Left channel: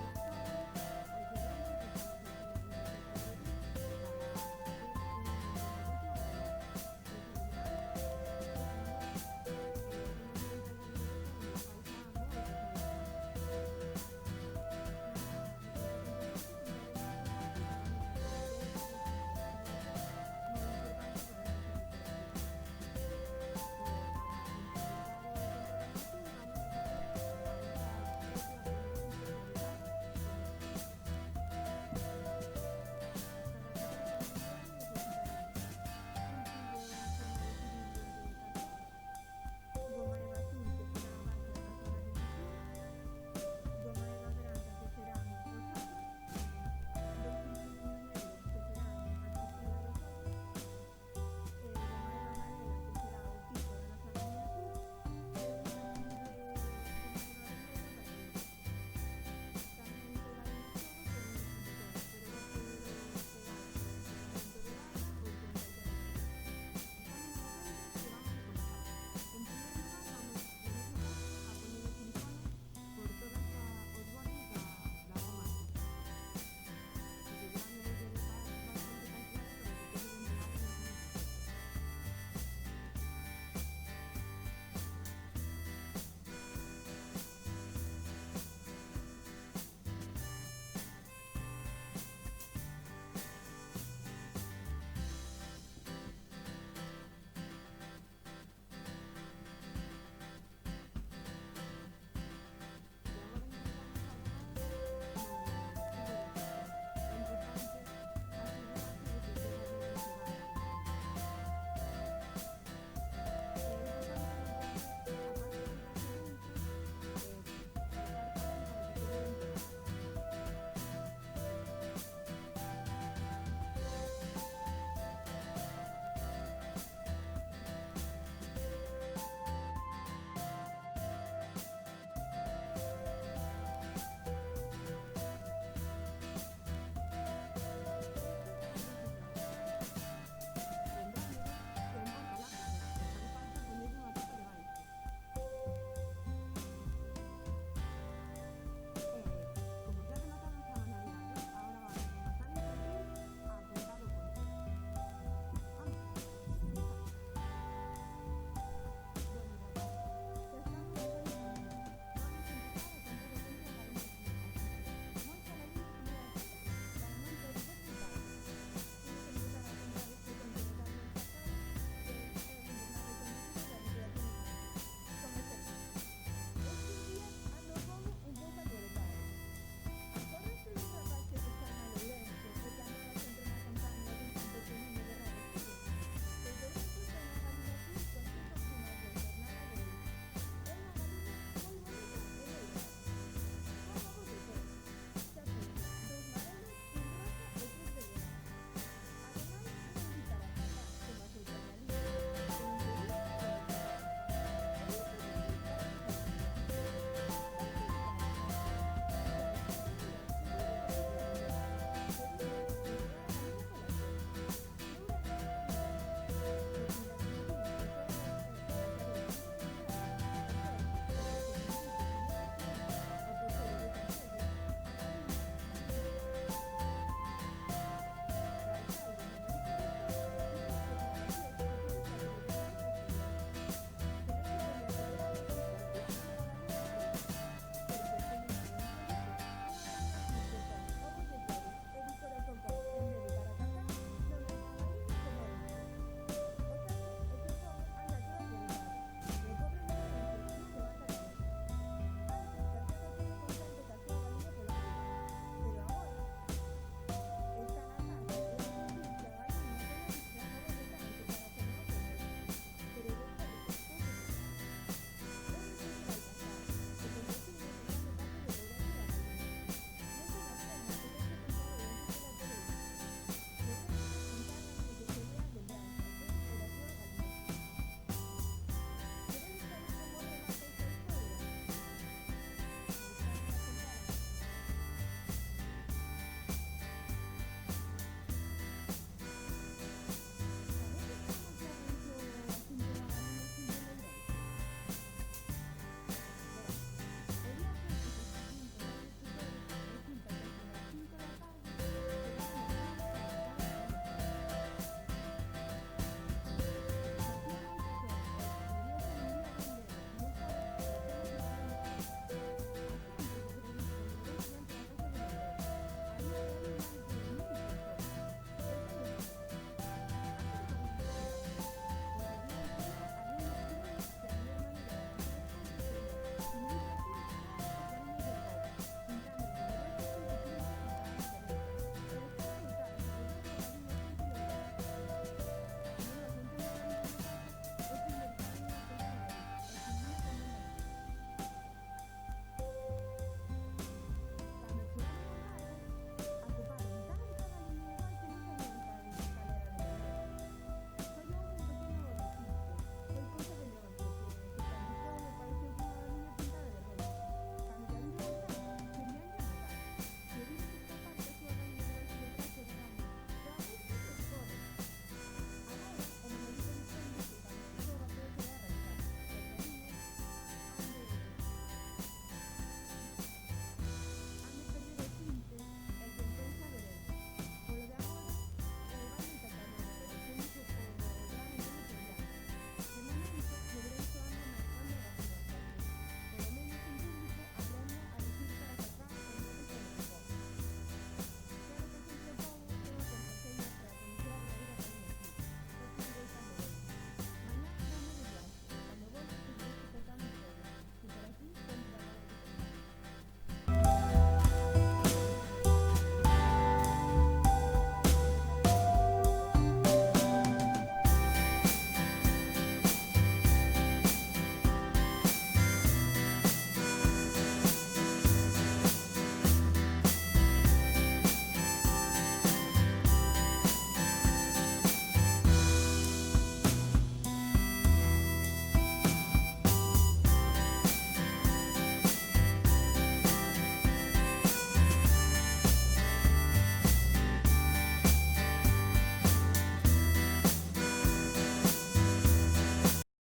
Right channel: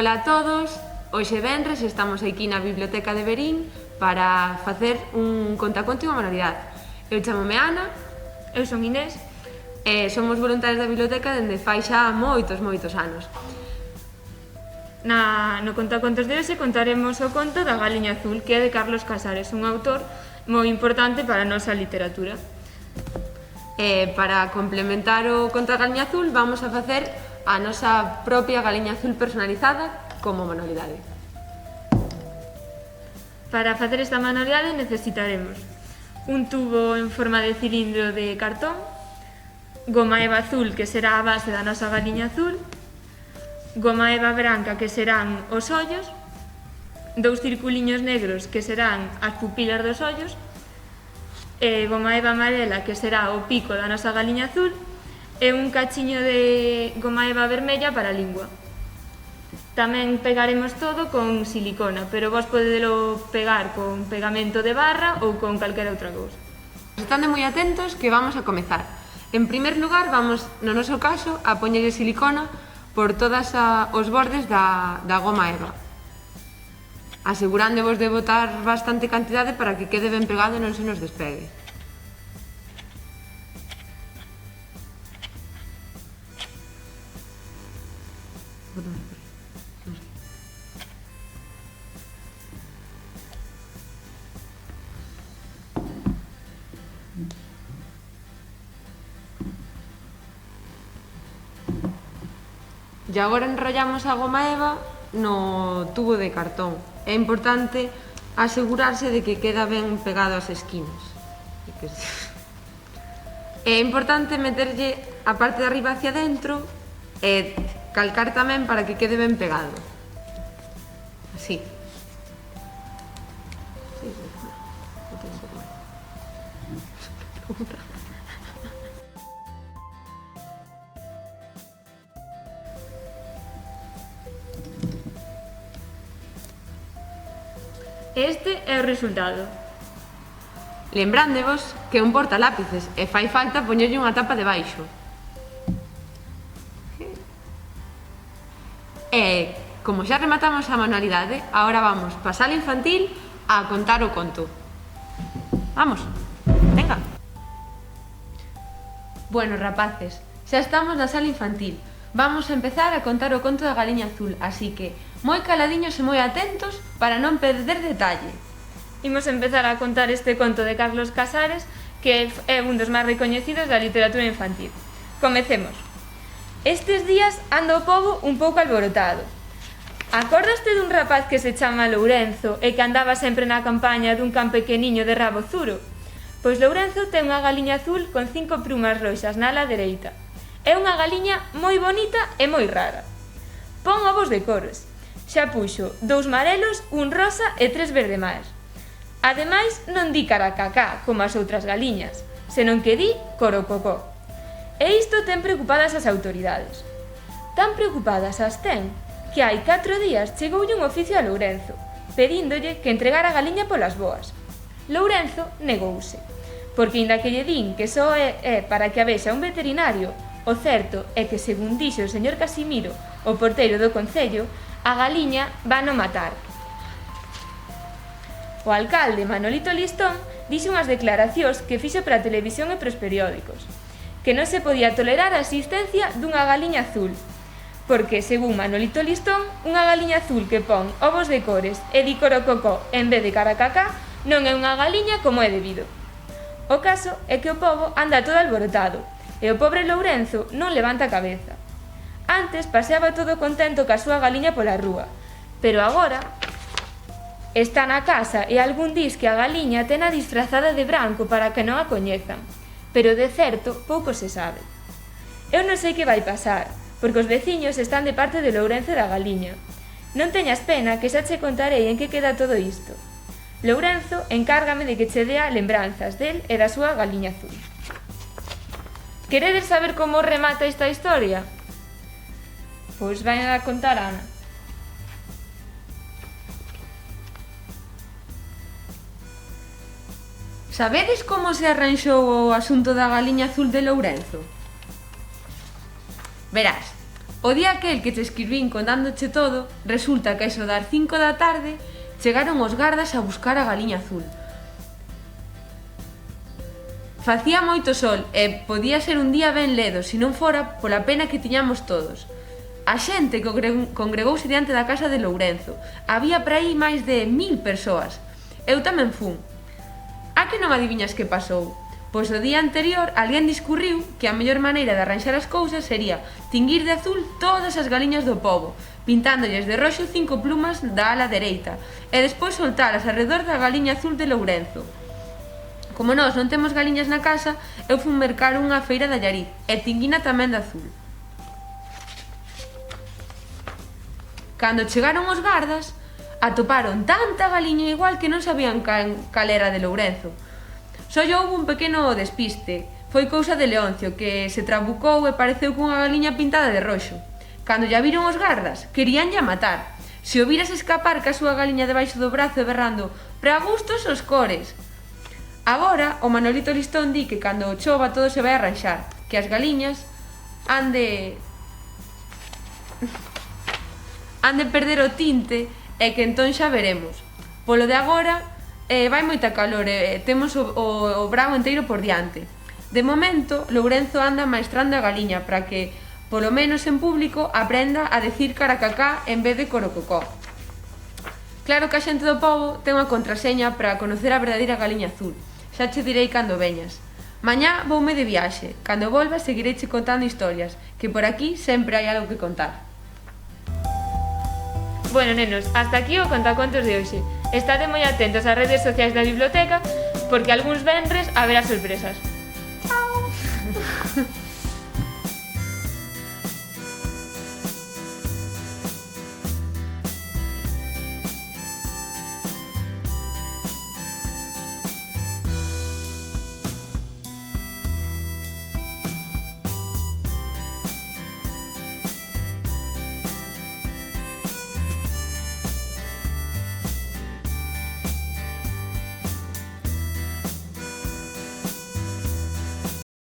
Ola a todos, hoxe venres estamos aquí na Biblioteca de Verín para facer un contaconto e unha manualidade. Eu chamome Ana, Eu son Inés. e somos voluntarios da biblioteca dende fai xa moitos anos. No contacontos de hoxe contaremos o conto da Galiña Azul, que é de Carlos Casares, un autor moi importante para a nosa literatura. Para complementar o conto da Galiña Azul vamos a facer a nosa propia Galiña Azul personalizada como manualidade. Para facer esta manualidade necesitaremos un tubo en forma de cilindro de cartón, goma eva azul, que será a base da nosa Galiña Azul, goma eva branca, que serán os ollos, dous circuliños negros, que serán as pupilas dos ollos, e goma eva amarela, que será o pico da nosa Galiña Azul, e un cachiño de goma eva vermella para a lingua. Tamén pegaremos todo con silicona, pero vos podedelo pegar con pegamento de barra ou con calquera outra cousa. Estando moi atentos que vamos a comezar. En primer lugar vamos, no noso caso, a poñerlle silicona por todos os bordes da goma eva, asegurándovos de botar bastante cantidade para que quede ben pegado e non se nos despegue. E agora enrollamos a goma eva no tubo de cartón. É importante asegurarse de que queda ben pegado ás esquinas. É importante meterlle a parte de arriba hacia dentro e calcar tamén para que quede ben pegado. Así. Este é o resultado. Lembrándevos que é un portalápices e fai falta poñerlle unha tapa debaixo. E, como xa rematamos a manualidade, agora vamos pa sala infantil a contar o conto. Vamos, venga. Bueno, rapaces, xa estamos na sala infantil. Vamos a empezar a contar o conto da Galiña Azul, así que moi caladiños e moi atentos para non perder detalle. Imos empezar a contar este conto de Carlos Casares, que é un dos máis recoñecidos da literatura infantil. Comecemos. Estes días anda o pobo un pouco alborotado. Acordaste dun rapaz que se chama Lourenzo e que andaba sempre na campaña dun can pequeniño de rabo zuro? Pois Lourenzo ten unha galiña azul con 5 plumas roxas na ala dereita. É unha galiña moi bonita e moi rara. Pon ovos de cores. Xa puxo 2 marelos, un rosa e 3 verde mar. Ademais, non di caracacá como as outras galiñas, senón que di corococó. E isto ten preocupadas as autoridades. Tan preocupadas as ten que hai 4 días chegoulle un oficio a Lourenzo, pedíndolle que entregara a galiña polas boas. Lourenzo negouse, porque inda que lle din que só é para que a vexa un veterinario, o certo é que, según dixo o señor Casimiro, o porteiro do concello, a galiña vano matar. O alcalde Manolito Listón dixo unhas declaracións que fixo para a televisión e para os periódicos, que non se podía tolerar a existencia dunha galiña azul, porque, según Manolito Listón, unha galiña azul que pon ovos de cores e di corococó en vez de caracacá non é unha galiña como é debido. O caso é que o pobo anda todo alborotado, e o pobre Lourenzo non levanta a cabeza. Antes paseaba todo contento ca súa galiña pola rúa, pero agora está na casa e algún dis que a galiña tena disfrazada de branco para que non a coñezan, pero de certo pouco se sabe. Eu non sei que vai pasar, porque os veciños están de parte de Lourenzo da galiña. Non teñas pena, que xa che contarei en que queda todo isto. Lourenzo encárgame de que che dea lembranzas del e da súa galiña azul. Queredes saber como remata esta historia? Pois vai a contar Ana. Sabedes como se arranxou o asunto da galiña azul de Lourenzo? Verás, O día aquel que te escribín contándoche todo, resulta que eso das 5 da tarde chegaron os gardas a buscar a galiña azul. Facía moito sol e podía ser un día ben ledo se non fora pola pena que tiñamos todos. A xente congregouse diante da casa de Lourenzo. Había por aí máis de 1000 persoas. Eu tamén fun. A que non adiviñas que pasou? Pois o día anterior alguén discurriu que a mellor maneira de arranxar as cousas sería tinguir de azul todas as galiñas do pobo, pintándolles de roxo 5 plumas da ala dereita e despois soltalas arredor da galiña azul de Lourenzo. Como nós non temos galiñas na casa, eu fun mercar unha feira de Allariz e tinguina tamén de azul. Cando chegaron os gardas, atoparon tanta galiña igual que non sabían cal era de Lourenzo. Só houve un pequeno despiste. Foi cousa de Leoncio, que se trabucou e pareceu cunha galiña pintada de roxo. Cando lla viron os gardas, queríanlla matar. Se o viras escapar ca súa galiña debaixo do brazo e berrando "Pra gustos os cores". Agora, o Manolito Listón di que cando chova todo se vai arranxar, que as galiñas han de perder o tinte e que entón xa veremos. Polo de agora, vai moita calor e temos o brao enteiro por diante. De momento, Lourenzo anda maestrando a galiña para que, polo menos en público, aprenda a decir caracacá en vez de corococó. Claro que a xente do pobo ten unha contraseña para conocer a verdadeira galiña azul. Xa che direi cando veñas. Mañá voume de viaxe. Cando volva seguireiche contando historias, que por aquí sempre hai algo que contar. Bueno, nenos, hasta aquí o contacontos de hoxe. Estade moi atentos ás redes sociais da biblioteca porque algúns venres haberá sorpresas.